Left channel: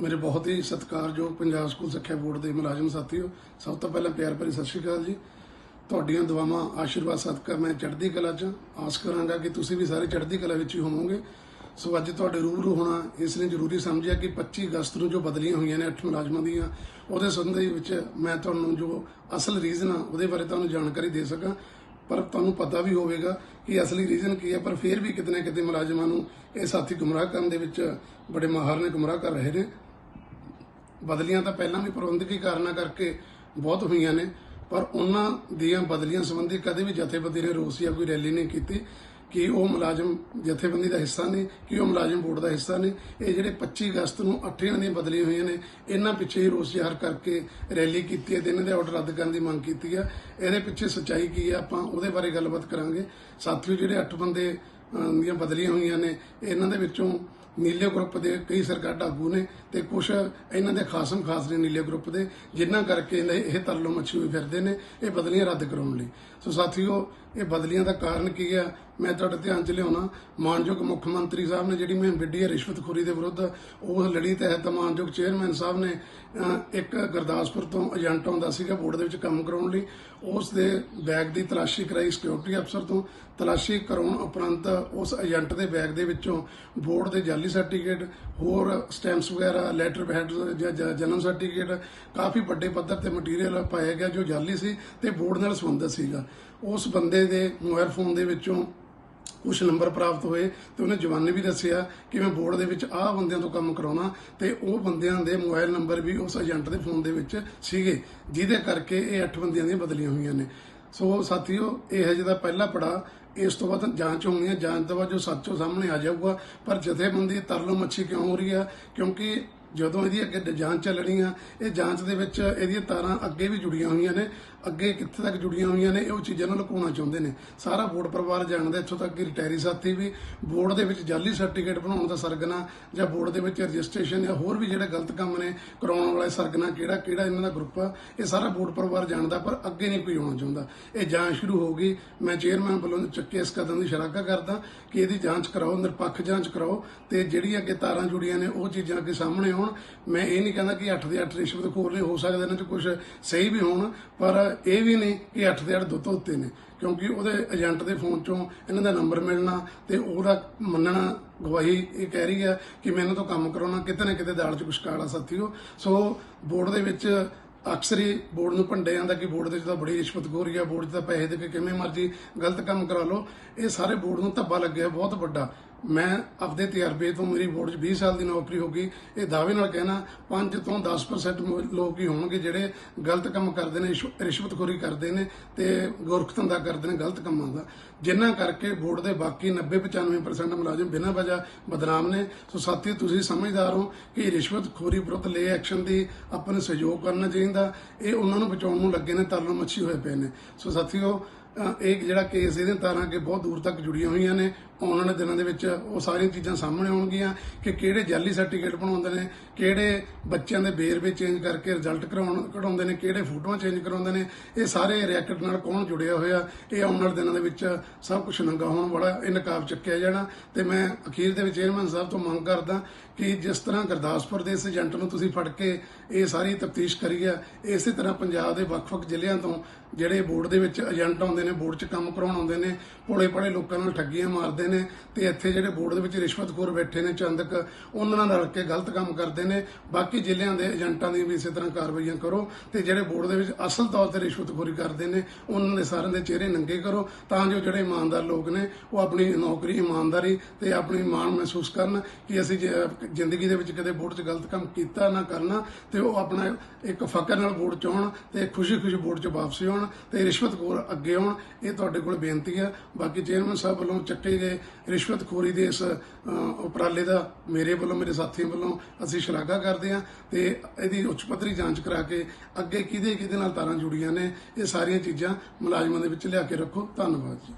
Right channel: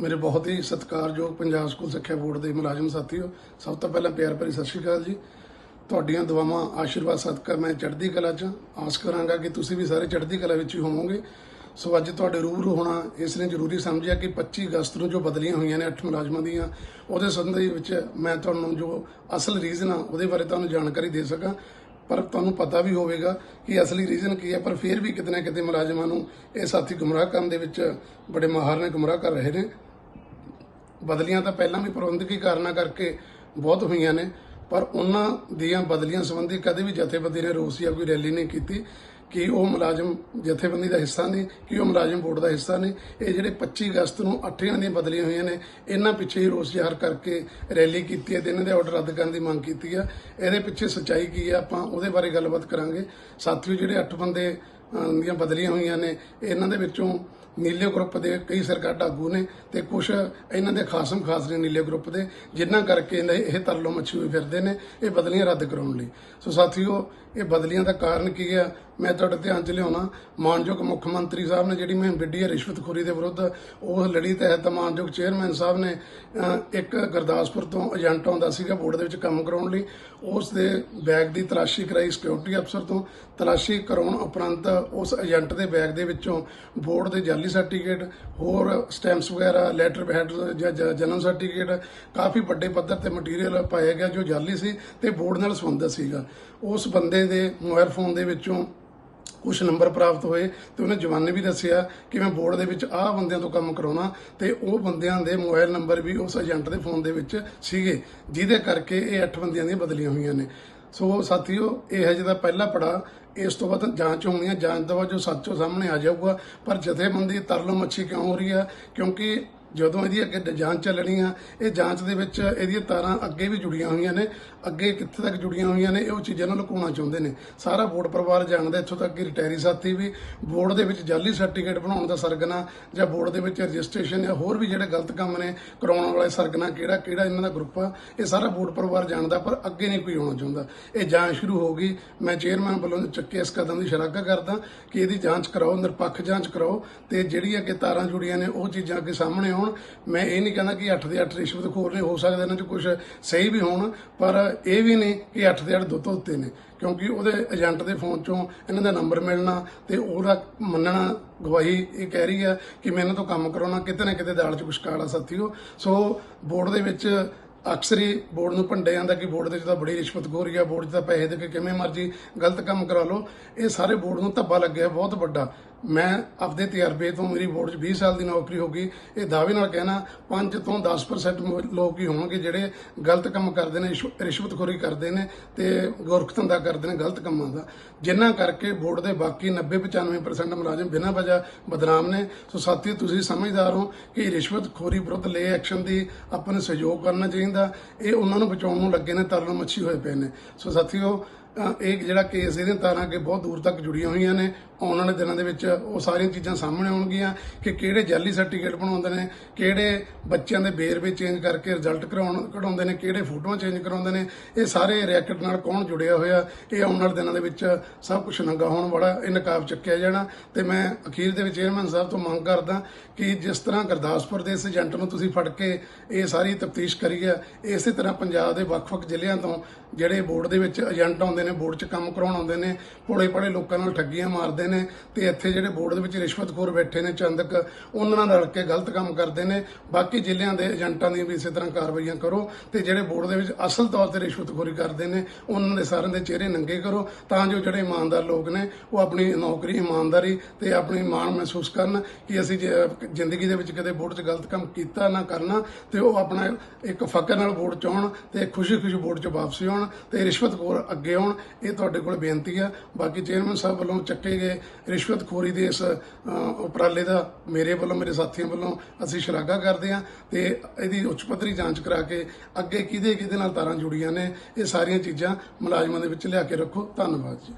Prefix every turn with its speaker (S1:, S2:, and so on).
S1: ਮੇਰੇ ਬਹੁਤ ਹੀ ਸਤਿਕਾਰਯੋਗ ਪੰਜਾਬ ਸਕੂਲ ਸਿੱਖਿਆ ਬੋਰਡ ਦੇ ਮੁਲਾਜ਼ਮ ਸਾਥੀਓ, ਸਭ ਤੋਂ ਪਹਿਲਾਂ ਪਿਆਰ ਭਰੀ ਸਤਿ ਸ਼੍ਰੀ ਅਕਾਲ ਜੀ। ਤੁਹਾਡੀਆਂ ਦੁਆਵਾਂ ਆਸ਼ੀਰਵਾਦ ਸਤਿਕਾਰ ਮੈਂ ਚੜ੍ਹਦੀ ਕਲਾ 'ਚ ਆਸ ਕਰਾਂਗਾ ਕਿ ਤੁਸੀਂ ਵੀ ਸਾਰੇ ਚੜ੍ਹਦੀ ਕਲਾ ਵਿੱਚ ਹੀ ਹੋਵੋਗੇ। ਸੋ ਅੱਜ ਤੁਹਾਡੇ ਰੂਬਰੂ ਹੋਣਾ ਇਸ ਨੇ ਜ਼ਰੂਰੀ ਸਮਝਿਆ ਕਿ 25 ਅਗਸਤ ਨੂੰ ਜੋ ਬਦਲੀਆਂ ਹੋਈਆਂ ਨੇ ਅੱਠ ਮੁਲਾਜ਼ਮਾਂ ਦੀਆਂ, ਉਹਦੇ ਸੰਬੰਧ ਵਿੱਚ ਮੈਂ ਤੁਹਾਨੂੰ ਜੋ ਅਸਲ ਰੀਜ਼ਨ ਆ, ਉਹਦੇ ਬਾਰੇ ਤੁਹਾਨੂੰ ਜਾਣਕਾਰੀ ਦੇ ਸਕਾਂ। ਪਰ ਤੁਹਾਨੂੰ ਪਤਾ ਵੀ ਹੋਵੇਗਾ ਕਿ ਅਸਲੀ ਰੀਜ਼ਨ ਕੀ ਹੈ ਪਰ ਫਿਰ ਵੀ ਕਿਤੇ ਨਾ ਕਿਤੇ ਮੁਲਾਜ਼ਮਾਂ ਨੂੰ ਇਹ ਸਾਥੀ ਗੁੰਮਰਾਹ ਕਰਨ ਦੇ ਵਿੱਚ ਬੜੇ ਮਾਹਰ ਨੇ ਗੁੰਮਰਾਹ ਕਰ ਰਹੇ ਨੇ। ਬਦਲੀਆਂ ਤਾਂ ਪਹਿਲਾਂ ਵੀ ਪ੍ਰਬੰਧਕੀ ਕਾਰਨਾਂ ਕਰਕੇ ਬਹੁਤ ਹੋਈਆਂ ਨੇ, ਪਰ ਉਹਨਾਂ ਦੀਆਂ ਬਦਲੀਆਂ ਸੰਬੰਧੀ ਕਦੇ ਵੀ ਜਥੇਬੰਦੀ ਨੇ ਰੋਸ ਜਾਂ ਕੋਈ ਰੈਲੀ ਨਹੀਂ ਕੀਤੀ ਕਿ ਉਹ ਮੁਲਾਜ਼ਮ ਜਥੇਬੰਦੀ ਦਾ ਹਿੱਸਾ ਨੇ, ਕਿ ਉਹ ਮੁਲਾਜ਼ਮ ਬੋਰਡ ਦਾ ਹਿੱਸਾ ਨੇ। ਇਹ ਜਿਹੜੇ 25 ਅਗਸਤ ਨੂੰ ਅੱਠਿਆਂ ਦੀਆਂ ਬਦਲੀਆਂ ਹੋਈਆਂ ਨੇ, ਇਹਨਾਂ ਪਿੱਛੇ ਹੀ ਰੋਸ ਜ਼ਾਹਰ ਕਰਕੇ ਰੈਲੀ ਕੀਤੀ ਹੈ ਤੇ ਇਹਨਾਂ ਦੇ ਆਰਡਰ ਰੱਦ ਕਰਨ ਦੀ ਮੰਗ ਕੀਤੀ ਹੈ। ਇਹਦੇ ਪਿੱਛੇ ਸੱਚਾਈ ਕੀ ਹੈ, ਆਪਾਂ ਉਹਦੇ ਬਾਰੇ ਗੱਲਬਾਤ ਕਰਾਂਗੇ। ਸਾਥੀਓ ਜਿਹੜੇ ਅੱਠ ਬੰਦੇ ਦੀਆਂ ਬਦਲੀਆਂ ਹੋਈਆਂ ਨੇ, ਇਹਨਾਂ ਦੇ ਵਿੱਚੋਂ ਨੀਲੇ ਗਰੁੱਪ ਦੇ ਕਈ ਸਰਕਾਰ ਆਗੂ ਨੇ ਤੇ ਕੁਝ ਇਹਨਾਂ ਦੇ ਖਾਸਮ ਖਾਸ ਨੇ ਨੀਲੇ ਗਰੁੱਪ ਦੇ ਜਿਨ੍ਹਾਂ ਕਰਕੇ ਇਹਨਾਂ- ਇਹ ਤਰਲੋ ਮੱਛੀ ਹੋਈ ਫਿਰਦੇ ਨੇ, ਇਹ ਬਦਲੀਆਂ ਰੱਦ ਕਰਾਉਣ ਲਈ। ਸੋ ਸਾਥੀਓ ਇਹ ਬਦਲੀਆਂ ਦਾ ਕਾਰਨ ਕੀ ਹੈ? ਮੈਂ ਤੁਹਾਡੇ ਧਿਆਨ 'ਚ ਲਿਆਉਣਾ ਮਾਨਯੋਗ ਮੁੱਖ ਮੰਤਰੀ ਸਾਹਿਬ ਨੇ ਜਿਹੜੀ ਮੈਂ ਵਿੱਢੀ ਹੈ ਰਿਸ਼ਵਤਖੋਰੀ ਦੇ ਵਿਰੁੱਧ, ਉਹ ਲੜੀ ਤਹਿਤ ਮਾਨਯੋਗ ਚੇਅਰਮੈਨ ਸਾਹਿਬ ਨੇ ਇੱਕ ਗੁਰਦਾਸਪੁਰ ਤੋਂ ਏਜੰਟ ਆਉਂਦਾ ਸੀਗਾ, ਬੋਰਡ ਦੇ ਵਿੱਚ ਕੰਮ ਕਰਾਉਣ ਲਈ। ਉਸ ਦੇ ਬੈਗ ਦੀ ਤਲਾਸ਼ੀ ਕਰਾਈ ਸਿਕਿਉਰਿਟੀ ਅਫਸਰ ਤੋਂ। ਤਲਾਸ਼ੀ ਕਰਾਉਣ ਉਪਰੰਤ ਉਸ ਏਜੰਟ ਦੇ ਬੈਗ ਦੇ ਵਿੱਚੋਂ ਬੋਰਡ ਦੇ ਜਾਲੀ ਸਰਟੀਫਿਕੇਟ, ਹੋਰ ਸਟੈਂਪਸ ਵਗੈਰਾ, ਲੈਟਰ ਹੈਡ ਜਾਂ ਜਨਮ ਸਰਟੀਫਿਕੇਟ, ਕਾਫੀ ਵੱਡੇ ਪੱਧਰ ਤੇ ਮਟੀਰੀਅਲ ਪਾਇਆ ਗਿਆ ਜੋ ਜਾਲੀ ਸੀ ਤੇ ਬੋਰਡ ਨਾਲ ਸੰਬੰਧਿਤ ਸੀਗਾ। ਉਸ ਬੰਦੇ ਦੇ ਮੋਬਾਈਲ ਫੋਨ ਦੇ ਵਿੱਚੋਂ ਕੁਝ ਨੰਬਰ ਪ੍ਰਾਪਤ ਹੋਏ ਤੇ ਉਹਨੇ ਜਵਾਨੇ ਵੀ ਦੱਸਿਆ ਕਿ ਮੈਂ ਬੋਰਡ ਦੇ ਵਿੱਚ ਆਹ ਬੰਦਿਆਂ ਤੋਂ ਕੰਮ ਕਰਾਉਣਾ ਤੇ ਉਹ ਬੰਦਿਆਂ ਦੇ ਮੋਬਾਈਲ ਨੰਬਰ ਵੀ ਉਸ ਏਜੰਟ ਦੇ ਫੋਨ ਦੇ ਵਿੱਚ ਸੀਗੇ, ਜਿਹਦੇ ਕਰਕੇ ਇਹ ਅੱਠ ਬੰਦਿਆਂ ਦੀਆਂ ਬਦਲੀਆਂ ਹੋਈਆਂ ਨੇ। ਸੋ ਸਾਥੀਓ, ਇਹ ਹੈ ਜਿਹਦਾ ਪਹਿਲਾ ਪੜਾ ਇਸ ਤੋਂ ਬਾਅਦ ਜਾਂਚ ਹੋਣੀ ਹੈ, ਜਾਂਚ ਤੋਂ ਬਾਅਦ ਜੋ ਸੱਚੋ ਸਾਹਮਣੇ ਆ ਜਾਊਗਾ, ਪਰ ਜਥੇਬੰਦੀ ਤਰਲੋ ਮੱਛੀ ਕਿਉਂ ਹੋ ਰਹੀ ਹੈ? ਕਿਉਂਕਿ ਜਦੋਂ ਇਹਦੀ ਅੱਗੇ ਜਾਂਚ ਚੱਲਣੀ ਆ ਇਹ ਜਾਂਚ ਦੇ ਵਿੱਚ ਇਹਦੀਆਂ ਤਾਰਾਂ ਅੱਗੇ ਵੀ ਜੁੜੀਆਂ ਹੋਈਆਂ ਨੇ ਅੱਗੇ ਕਿੱਥੇ ਤੱਕ ਜੁੜੀਆਂ ਹੋਈਆਂ ਨੇ, ਇਹ ਉਹ ਚੀਜ਼ਾਂ ਨੂੰ ਲੁਕਾਉਣਾ ਚਾਹੁੰਦੇ ਨੇ। ਸਾਰਾ ਬੋਰਡ ਪਰਿਵਾਰ ਜਾਣਦਾ, ਇੱਥੋਂ ਤੱਕ ਕਿ ਰਿਟਾਇਰੀ ਸਾਥੀ ਵੀ ਬੋਰਡ ਦੇ ਵਿੱਚ ਜਾਲੀ ਸਰਟੀਫਿਕੇਟ ਬਣਾਉਣ ਦਾ ਸਰਗਨਾ ਜਾਂ ਬੋਰਡ ਦੇ ਵਿੱਚ ਰਜਿਸਟ੍ਰੇਸ਼ਨ ਜਾਂ ਹੋਰ ਵੀ ਜਿਹੜੇ ਗਲਤ ਕੰਮ ਨੇ, ਕਰਾਉਣ ਵਾਲੇ ਸਰਗਨਾ ਕਿਹੜਾ ਕਿਹੜਾ ਇਹਨਾਂ ਦਾ ਗਰੁੱਪ ਆ, ਇਹ ਸਾਰਾ ਬੋਰਡ ਪਰਿਵਾਰ ਜਾਣਦਾ, ਪਰ ਅੱਗੇ ਨਹੀਂ ਕੋਈ ਆਉਣਾ ਚਾਹੁੰਦਾ। ਇਹ ਜਾਂਚ ਸ਼ੁਰੂ ਹੋ ਗਈ। ਮੈਂ ਚੇਅਰਮੈਨ ਵੱਲੋਂ ਚੱਕੇ ਇਸ ਕਦਮ ਦੀ ਸ਼ਲਾਘਾ ਕਰਦਾ ਕਿ ਇਹਦੀ ਜਾਂਚ ਕਰਾਓ, ਨਿਰਪੱਖ ਜਾਂਚ ਕਰਾਓ ਤੇ ਜਿਹੜੀਆਂ ਕਿ ਤਾਰਾਂ ਜੁੜੀਆਂ ਨੇ, ਉਹ ਚੀਜ਼ਾਂ ਅੱਗੇ ਸਾਹਮਣੇ ਆਉਣ। ਮੈਂ ਇਹ ਨਹੀਂ ਕਹਿੰਦਾ ਕਿ 8 ਦੇ 8 ਰਿਸ਼ਵਤਖੋਰ ਨੇ ਹੋ ਸਕਦਾ ਇਹਨਾਂ 'ਚ ਕੁਝ ਸਹੀ ਵੀ ਹੋਣ, ਪਰ ਇਹ ਵੀ ਨਹੀਂ ਕਿ 8 ਦੇ 8 ਦੋ ਤੋਂ ਉੱਤੇ ਨੇ, ਕਿਉਂਕਿ ਉਹਦੇ ਏਜੰਟ ਦੇ ਫੋਨ ਚੋਂ ਇਹਨਾਂ ਦਾ ਨੰਬਰ ਮਿਲਣਾ ਤੇ ਉਹਦਾ ਮੰਨਣਾ, ਗਵਾਹੀ ਇਹ ਕਹਿ ਰਹੀ ਹੈ ਕਿ ਮੈਂ ਇਹਨਾਂ ਤੋਂ ਕੰਮ ਕਰਾਉਣਾ, ਕਿਤੇ ਨਾ ਕਿਤੇ ਦਾਲ 'ਚ ਕੁਛ ਕਾਲਾ ਸਾਥੀਓ ਸੋ ਬੋਰਡ ਦੇ ਵਿੱਚ ਅਕਸਰ ਹੀ ਬੋਰਡ ਨੂੰ ਭੰਡੇ ਜਾਂਦਾ ਕਿ ਬੋਰਡ ਦੇ ਵਿੱਚ ਤਾਂ ਬੜੀ ਰਿਸ਼ਵਤਖੋਰੀ ਆ ਬੋਰਡ 'ਚ ਤਾਂ ਪੈਸੇ ਦੇ ਕੇ ਕਿਵੇਂ ਮਰਜ਼ੀ ਗਲਤ ਕੰਮ ਕਰਾ ਲਓ। ਇਹ ਸਾਰੇ ਬੋਰਡ ਨੂੰ ਧੱਬਾ ਲੱਗਿਆ, ਬਹੁਤ ਵੱਡਾ। ਮੈਂ ਆਪਦੇ ਤਜਰਬੇ ਤੋਂ ਮੇਰੀ ਬੋਰਡ 'ਚ 20 ਸਾਲ ਦੀ ਨੌਕਰੀ ਹੋ ਗਈ, ਇਹ ਦਾਅਵੇ ਨਾਲ ਕਹਿਣਾ 5 ਤੋਂ 10% ਲੋਕ ਹੀ ਹੋਣਗੇ ਜਿਹੜੇ ਗਲਤ ਕੰਮ ਕਰਦੇ ਨੇ ਰਿਸ਼ਵ- ਰਿਸ਼ਵਤਖੋਰੀ ਕਰਦੇ ਨੇ ਤੇ ਗੋਰਖ ਧੰਦਾ ਕਰਦੇ ਨੇ ਗਲਤ ਕੰਮਾਂ ਦਾ। ਜਿਨ੍ਹਾਂ ਕਰਕੇ ਬੋਰਡ ਦੇ ਬਾਕੀ 90-95% ਮੁਲਾਜ਼ਮ ਬਿਨਾਂ ਵਜ੍ਹਾ ਬਦਨਾਮ ਨੇ। ਸੋ ਸਾਥੀ, ਤੁਸੀਂ ਸਮਝਦਾਰ ਹੋ ਕਿ ਰਿਸ਼ਵਤਖੋਰੀ ਵਿਰੁੱਧ ਲੈ ਐਕਸ਼ਨ ਦੀ ਆਪਾਂ ਨੂੰ ਸਹਿਯੋਗ ਕਰਨਾ ਚਾਹੀਦਾ। ਇਹ ਉਹਨਾਂ ਨੂੰ ਬਚਾਉਣ ਨੂੰ ਲੱਗੇ ਨੇ ਤਰਨ ਮੱਛੀ ਹੋਏ ਪਏ ਨੇ। ਸੋ ਸਾਥੀਓ ਅਹ ਇਹ ਜਿਹੜਾ ਕੇਸ ਇਹਦੀਆਂ ਤਾਰਾਂ ਅੱਗੇ ਬਹੁਤ ਦੂਰ ਤੱਕ ਜੁੜੀਆਂ ਹੋਈਆਂ ਨੇ, ਆਉਣ ਵਾਲੇ ਦਿਨਾਂ ਦੇ ਵਿੱਚ ਉਹ ਸਾਰੀਆਂ ਚੀਜ਼ਾਂ ਸਾਹਮਣੇ ਆਉਣਗੀਆਂ ਕਿ ਕਿਹੜੇ ਜਾਲੀ ਸਰਟੀਫਿਕੇਟ ਬਣਾਉਂਦੇ ਨੇ, ਕਿਹੜੇ ਬੱਚਿਆਂ ਦੇ ਬੇਰਵੇ ਚੇਂਜ ਕਰਕੇ ਰਿਜ਼ਲਟ ਕਰਾਉਣ, ਕਢਾਉਂਦੇ ਨੇ, ਕਿਹੜੇ ਫੋਟੋਆਂ ਚੇਂਜ ਕਰਾਉਂਦੇ ਨੇ, ਇਹ ਸਾਰੇ ਰੈਕਟ ਨਾਲ ਕੌਣ ਜੁੜਿਆ ਹੋਇਆ, ਇਹ ਆਉਣ ਵਾਲੇ ਦਿਨਾਂ ਦੇ ਵਿੱਚ ਸਭ ਕੁਝ ਨੰਗਾ ਹੋਣ ਵਾਲਾ ਇਹ ਨਕਾਬ ਚੱਕਿਆ ਜਾਣਾ ਤੇ ਮੈਂ ਅਖੀਰ ਦੇ ਵਿੱਚ ਚੇਅਰਮੈਨ ਸਾਹਿਬ ਤੋਂ ਮੰਗ ਕਰਦਾ ਕਿ ਜਿਸ ਤਰ੍ਹਾਂ ਗੁਰਦਾਸਪੁਰ ਦੇ ਇਸ ਏਜੰਟ ਨੂੰ ਤੁਸੀਂ ਫੜ ਕੇ ਇਹ ਸਾਰੀ ਤਫਤੀਸ਼ ਕਰੀ ਹੈ ਇਸੇ ਤਰ੍ਹਾਂ ਪੰਜਾਬ ਦੇ ਵੱਖ-ਵੱਖ ਜ਼ਿਲ੍ਹਿਆਂ ਤੋਂ ਜਿਹੜੇ ਬੋਰਡ ਦੇ ਵਿੱਚ ਏਜੰਟ ਆਉਂਦੇ ਨੇ, ਬੋਰਡ 'ਚ ਕੰਮ ਕਰਾਉਣ ਆਉਂਦੇ ਨੇ ਭੋਲੇ ਭਾਲੇ ਲੋਕਾਂ ਨਾਲ ਠੱਗੀਆਂ ਮਾਰਦੇ ਨੇ ਤੇ ਇੱਥੇ ਜਿਹੜੇ ਬੋਰਡ ਦੇ ਵਿੱਚ ਰਿਸ਼ਵਤਖੋਰ ਬੈਠੇ ਨੇ, ਚੰਦਕ, ਉਹਨਾਂ ਨਾਲ ਰਲ ਕੇ ਗਲਤ ਕੰਮ ਕਰਦੇ ਨੇ। ਬਾਕੀ ਜ਼ਿਲ੍ਹਿਆਂ ਦੇ ਏਜੰਟਾਂ ਦੀ ਵੀ ਇਸੇ ਤਰ੍ਹਾਂ ਕਾਰਵਾਈਆਂ ਕਰੋ ਤੇ ਜਿਹੜੇ ਬੋਰਡ ਦੇ ਵਿੱਚ ਅਸਲ ਤੌਰ ਤੇ ਰਿਸ਼ਵਤਖੋਰੀ ਕਰਦੇ ਨੇ, ਉਹਨਾਂ ਦੇ ਸਾਰਿਆਂ ਦੇ ਚਿਹਰੇ ਨੰਗੇ ਕਰੋ ਤਾਂ ਜੋ ਜਿਹੜੇ ਇਮਾਨਦਾਰ ਲੋਕ ਨੇ ਉਹ ਆਪਣੀ ਨੌਕਰੀ ਇਮਾਨਦਾਰੀ ਤੇ ਆਪਣੀ ਮਾਣ ਮਹਿਸੂਸ ਕਰਨ ਕਿ ਅਸੀਂ ਜ- ਜ਼ਿੰਦਗੀ ਦੇ ਵਿੱਚ ਕਦੇ ਵੋਟ 'ਚ ਗਲਤ ਕੰਮ ਕੀਤਾ ਨਾ ਕਰਨਾ ਤੇ ਉਹ ਆਪਣਾ ਇੱਕ ਫਕਰ ਨਾਲ ਵੋਟ 'ਚ ਆਉਣ ਤੇ ਖੁਸ਼ੀ-ਖੁਸ਼ੀ ਵੋਟ 'ਚ ਵਾਪਸ ਆਉਣ ਤੇ ਰਿਸ਼ਵਤਖੋਰ ਅੱਗੇ ਆਉਣ, ਇਹ ਤੁਹਾਡੇ ਕੋਲ ਬੇਨਤੀ ਆ। ਬਾਕੀ ਚੇਅਰਮੈਨ ਸਾਹਿਬ ਵੱਲੋਂ ਚੱਕੇ ਗਏ ਰਿਸ਼ਵਤਖੋਰੀ ਦੇ ਇਸ ਉਪਰਾਲੇ ਦਾ ਮੇਰੇ ਵੱਲੋਂ, ਮੇਰੇ ਸਾਥੀਆਂ ਵੱਲੋਂ ਅਸੀਂ ਸ਼ਲਾਘਾ ਕਰਦੇ ਹਾਂ ਤੇ ਇਹਦੀ ਉੱਚ ਪੱਧਰੀ ਜਾਂਚ ਕਰਾ ਕੇ ਅੱਗੇ ਕਿਹਦੇ ਕਿਹਦੇ ਨਾਲ ਤਾਰਾਂ ਜੁੜੀਆਂ ਨੇ, ਇਹ ਸਾਰੀਆਂ ਚੀਜ਼ਾਂ ਮੁਲਾਜ਼ਮਾਂ ਦੇ ਵਿੱਚ ਲਿਆ ਕੇ ਰੱਖੋ। ਧੰਨਵਾਦ ਜੀ।